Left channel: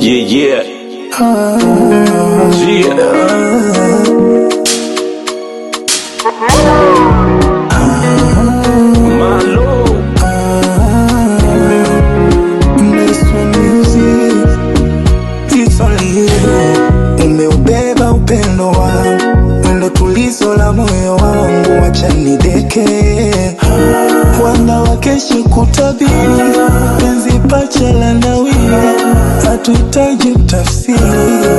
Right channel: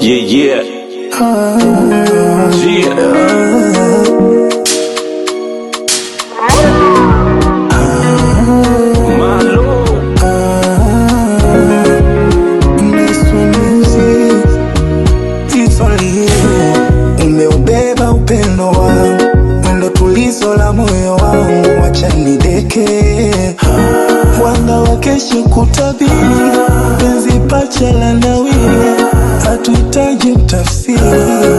Yeah. Malo Music, it's only you. Umeubeba upendo wangu, mwendo tulizo la moyo wangu, wacha nideke. Wanga wakeshe kutabiri, penzi pacha la nawiri, hatuhitaji tafsiri.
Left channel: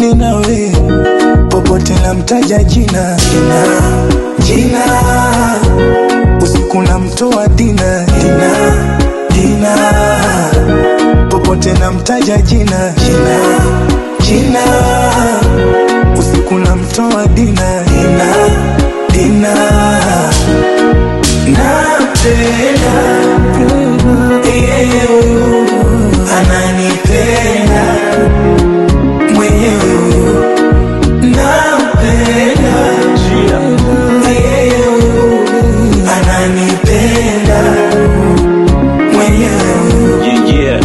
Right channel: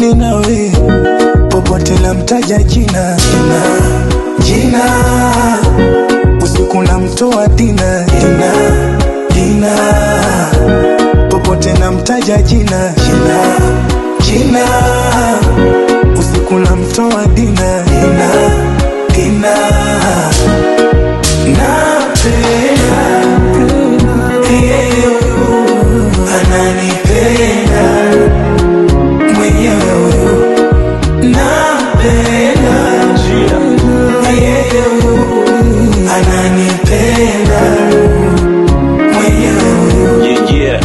Ninawe popote na mtaja jina, jina. Usiku na mtoa dina, dina. Popote na mtaja jina, jina. Usiku na mtoa dina, dina. Napenda huyu, ananipenda mwenyewe huyu. Napenda huyu, ananipenda mwenyewe huyu. Yeah.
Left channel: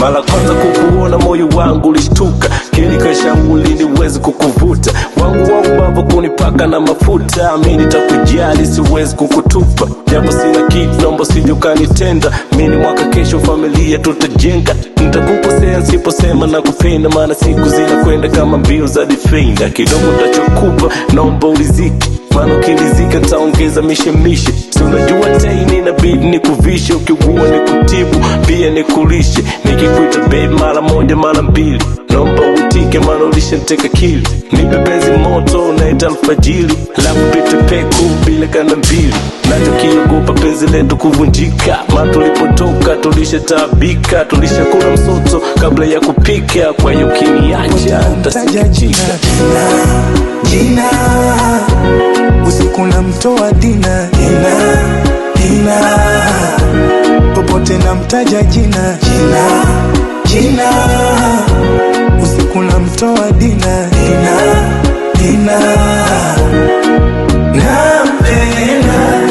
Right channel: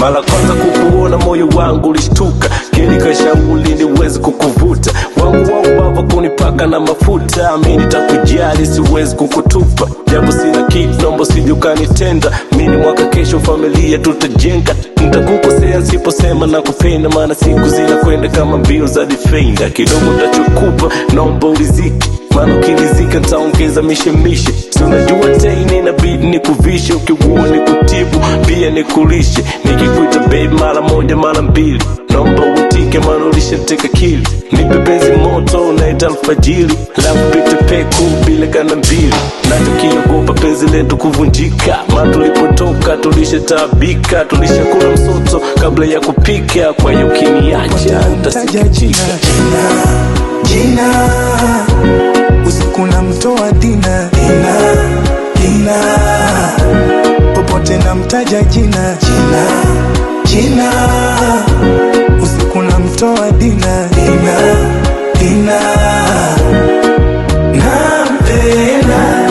Mara kwanza kukuona moyo wangu ulishtuka, kili kashauri niwezi kukuvuta, wangu wa ubava kunipaka na mafuta, mimi nitakujali siwezi kukutupa, japo sina kitu naomba usije ukanitenda, mimi mwaka kesho familia tutajenga, nitakukosea nisiposema nakupenda, maana siku zinakwenda kama mbio za defender, kidogo nitachokupa naomba ulizike, maana ukilizika nitaongeza mishemishe, si unajua tena inabidi nikuvishe, ukiugua nikutibu pia nikulishe, nikikuita babe mara moja mara mbili, naomba uitike maana ulishaniteka akili, nipe penzi moto naita alfajiri, lafu pite peku bila kanda mbili, nachokiogopa penzi letu kuvunjika, maana tulipotoka tulishataabika, tulishakula msoto kabla ya kupika, kwa hiyo ukiniacha nitasikitika. Jina usiku na mtoa dina, dina. Popote na mtaja jina, jina. Usiku na mtoa dina, dina. Napenda